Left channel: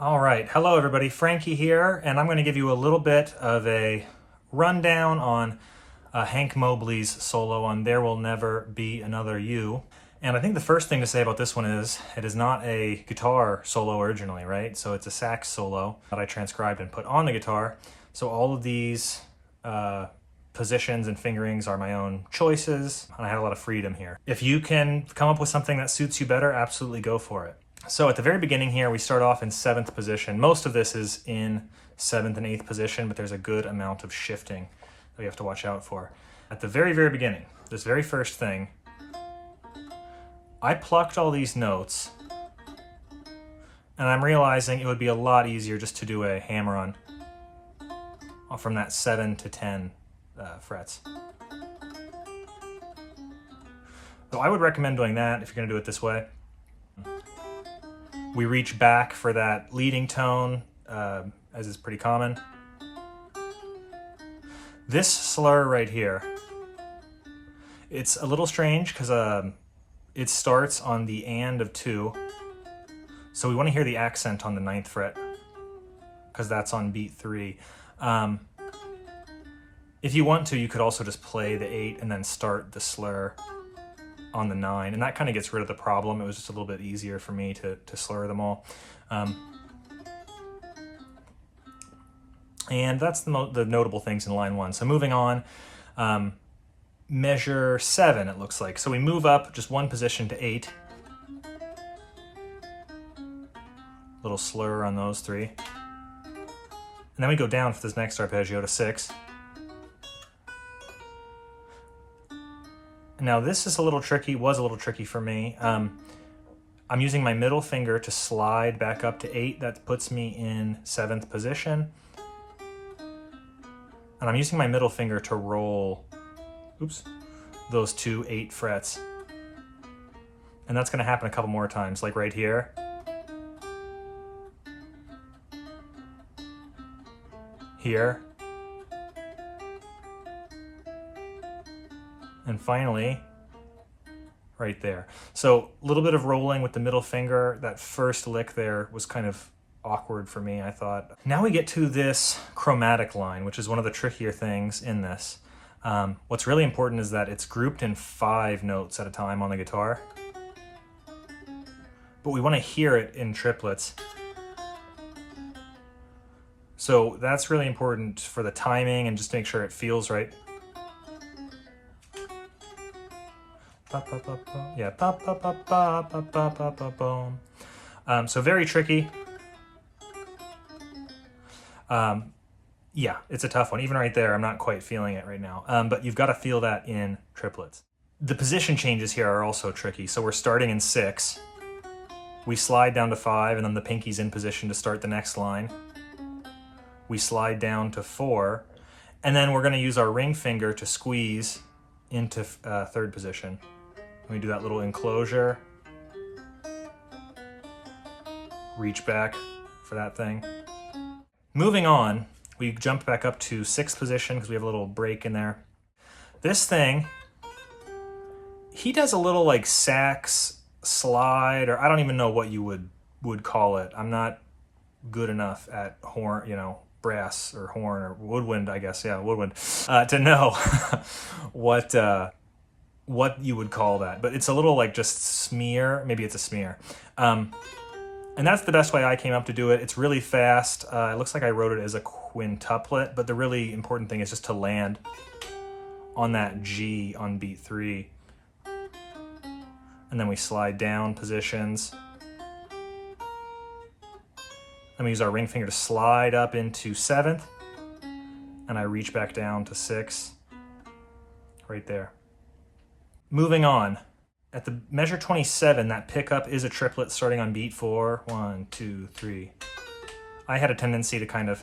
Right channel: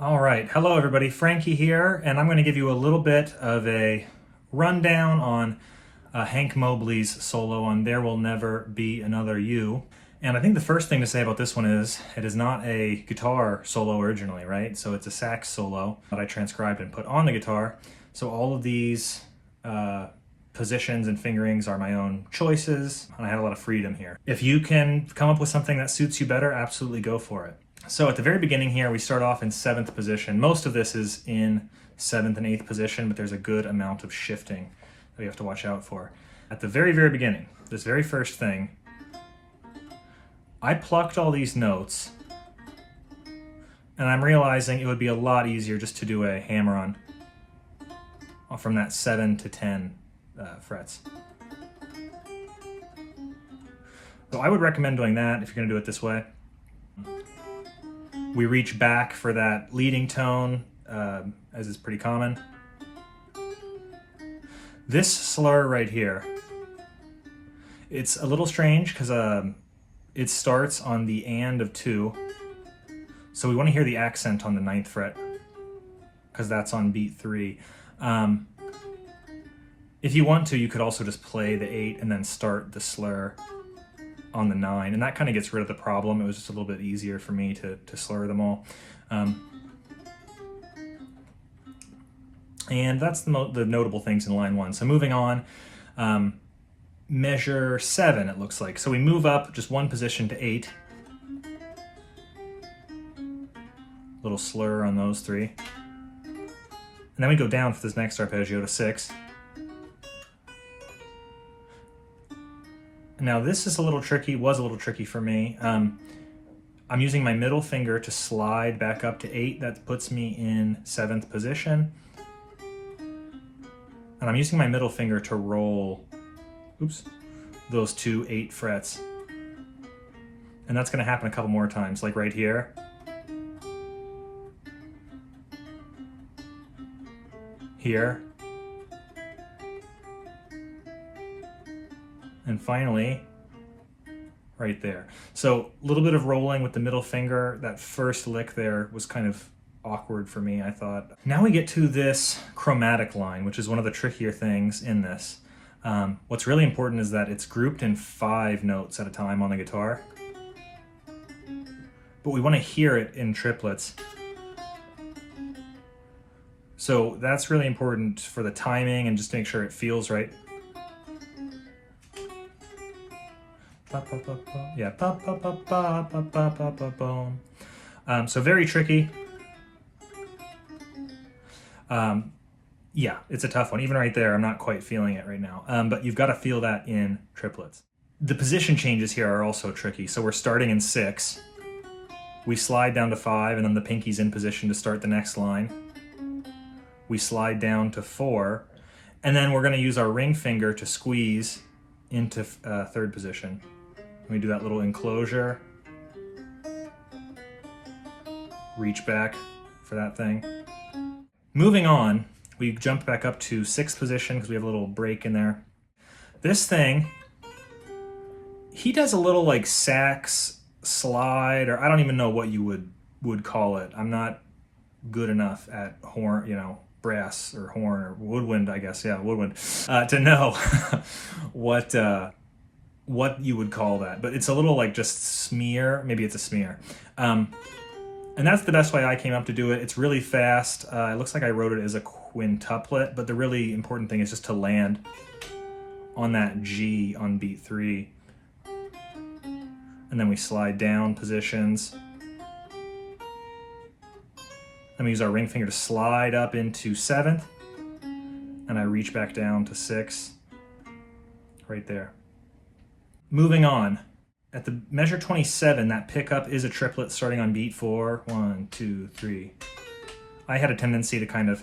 All right, hello everybody, Frankie here, and I'm going to give you a little bit of a rundown on Hank Mobley's solo on There Will Never Be Another You. And I think the first thing to say about this one is it is not a guitar solo originally, right? So it's a sax solo that I transcribed and put on the guitar. So all of these positions and fingerings are my own choices, and I had a lot of freedom here. If you can come up with something that suits you better, absolutely go for it. So at the very beginning here, we start off in 7th position. Most of this is in 7th and 8th position, but there's a good amount of shifting that we have to watch out for. At the very, very beginning, this very first thing, I plucked all these notes, and I'm realizing it would be a lot easier just to do a hammer-on from that 7 to 10 frets. So I would recommend doing that if you're going to do it this way. We reach back for that leading tone, as is pretty common. This slur right here, it's a little strange because it starts on the and of 2. So we want to hear the accent on the 9th fret because that's on beat 3. If you want to, you could also just play the 8 and then start the slur on the 9, and that kind of gets rid of the problem. It was just a little bit easier for me to slur them all. And that's the notable things in line 1. So moving on, measure 7 it looks like. So we move up just 1 position to 8. Little slur on those 3. And then we go down for this next arpeggio to 6. Now this is a little tricky, was a little tricky for me. I'm using my middle finger to slide back up to 8. That puts me in 7th position. And I'm using my middle finger to roll, those 2 8 frets. And that's gonna happen a couple more times, like right here. Here. And finally, right there. So a little bit of rolling with the middle finger. That first lick there was kind of awkward for me, I thought. Now we get to this chromatic line, which is one of the trickier things in this. What's really important is that it's grouped in 5 notes at a time on the guitar. But we want to hear it in triplets. So that's really important for the timing and just to make sure it feels right. Yeah, so very tricky. Yeah, it's a tough one. Even right there, I'm not quite feeling it right now. But you've got to feel that in triplets. The position changes here are also tricky. So we're starting in 6. We slide down to 5, and then the pinky's in position to start the next line. We slide down to 4, and then we're going to use our ring finger to squeeze into 3rd position. We do that little enclosure, reach back for that thing. Moving on, we jump back up to 6th position because we have a little break in there. This thing, he does a little like sax slide, or I don't even know what you would call it. I'm not good enough at horn, brass or horn or woodwind, I guess, yeah, woodwind, to know what you would call that, but it's a little like just smear, maybe it's a smear. And that's the best way I came up to do it. It's really fast. It looks like I wrote it as a quintuplet, but the really important thing is just to land on that G on beat 3. And then we slide down positions. And we use our ring finger to slide up into 7th, and I reach back down to 6, right there. Moving on, at the measure 27, that pickup is a triplet starting on beat 4. 1, 2, 3. I had a tendency to kind of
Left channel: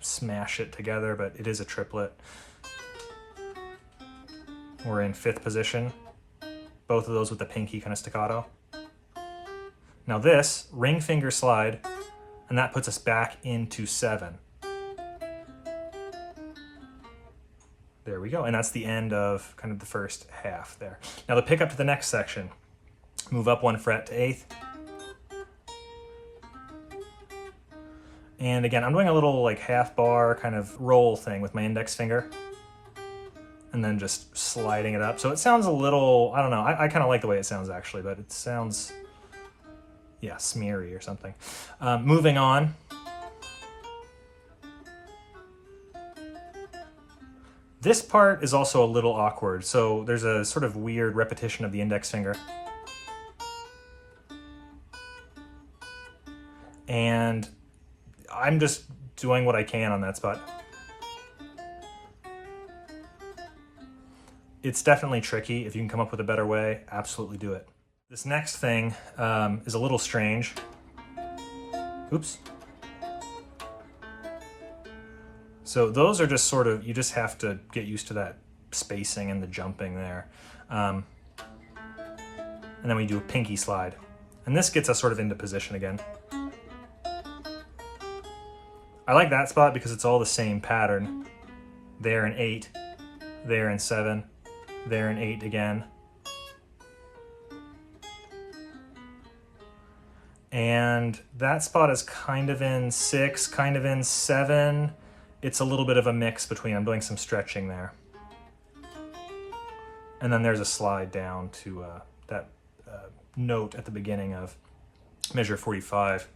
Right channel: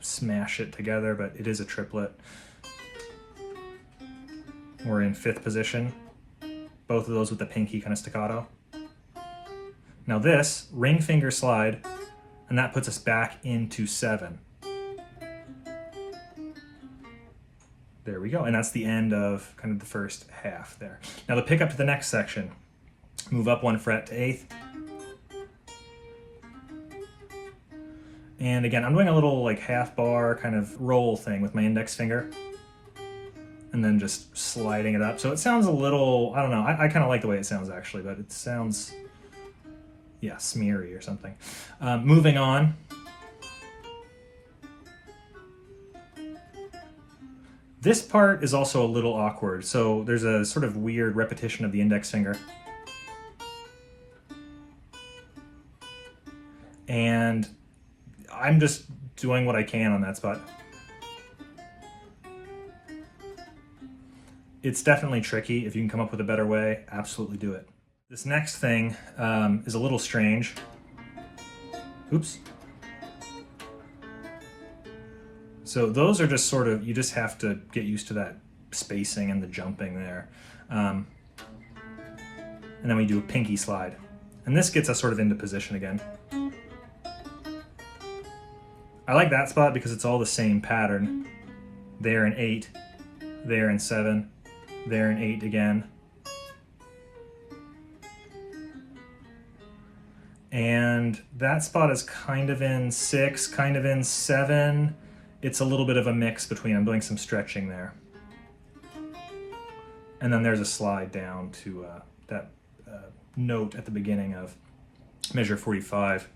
smash it together, but it is a triplet. We're in 5th position, both of those with the pinky kind of staccato. Now this, ring finger slide, and that puts us back into 7. There we go, and that's the end of kind of the first half there. Now the pickup to the next section. Move up 1 fret to 8th. And again, I'm doing a little like half bar kind of roll thing with my index finger. And then just sliding it up. So it sounds a little, I don't know, I kind of like the way it sounds actually, but it sounds, yeah, smeary or something. Moving on. This part is also a little awkward. So there's a sort of weird repetition of the index finger. And I'm just doing what I can on that spot. It's definitely tricky. If you can come up with a better way, absolutely do it. This next thing is a little strange. Oops. So those are just sort of, you just have to get used to that spacing and the jumping there. And then we do a pinky slide. And this gets us sort of into position again. I like that spot because it's all the same pattern. There in 8, there in 7, there in 8 again. And that spot is kind of in 6, kind of in 7. It's a little bit of a mix between, I'm doing some stretching there. And then there's a slide down to that note at the beginning of measure 45.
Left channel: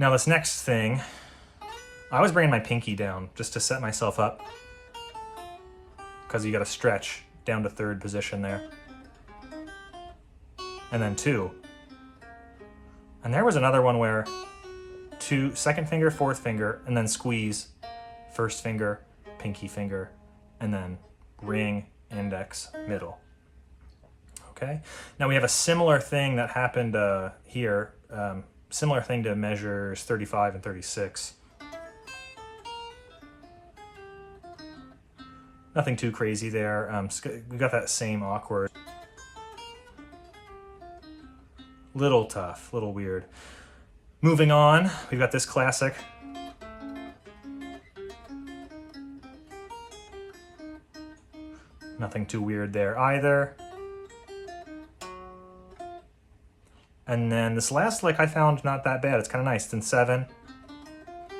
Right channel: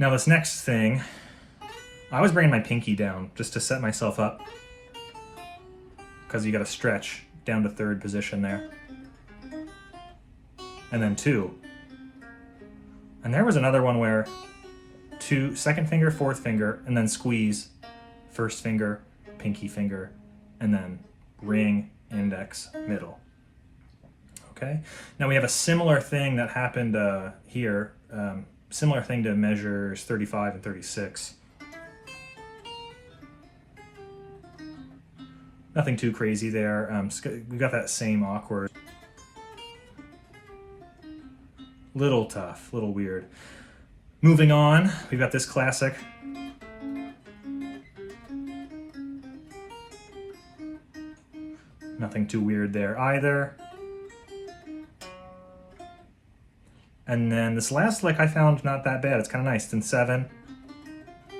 Now this next thing, I was bringing my pinky down just to set myself up, because you got to stretch down to 3rd position there. And then 2. And there was another one where 2, 2nd finger, 4th finger, and then squeeze, 1st finger, pinky finger, and then ring, index, middle. Okay, now we have a similar thing that happened here, similar thing to measures 35 and 36. Nothing too crazy there. We got that same awkward, little tough, little weird. Moving on, we've got this classic. Nothing too weird there either. And then this last lick I found not that bad. It's kind of nice. It's in 7,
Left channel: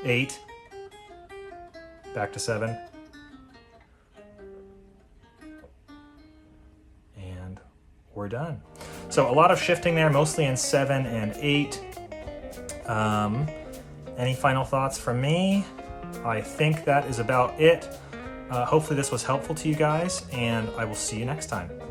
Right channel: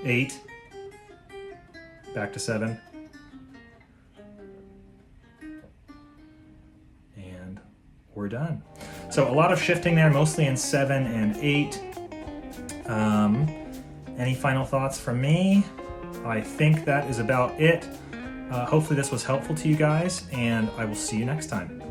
8, back to 7. And we're done. So a lot of shifting there, mostly in 7 and 8. Any final thoughts from me? I think that is about it. Hopefully this was helpful to you guys, and I will see you next time.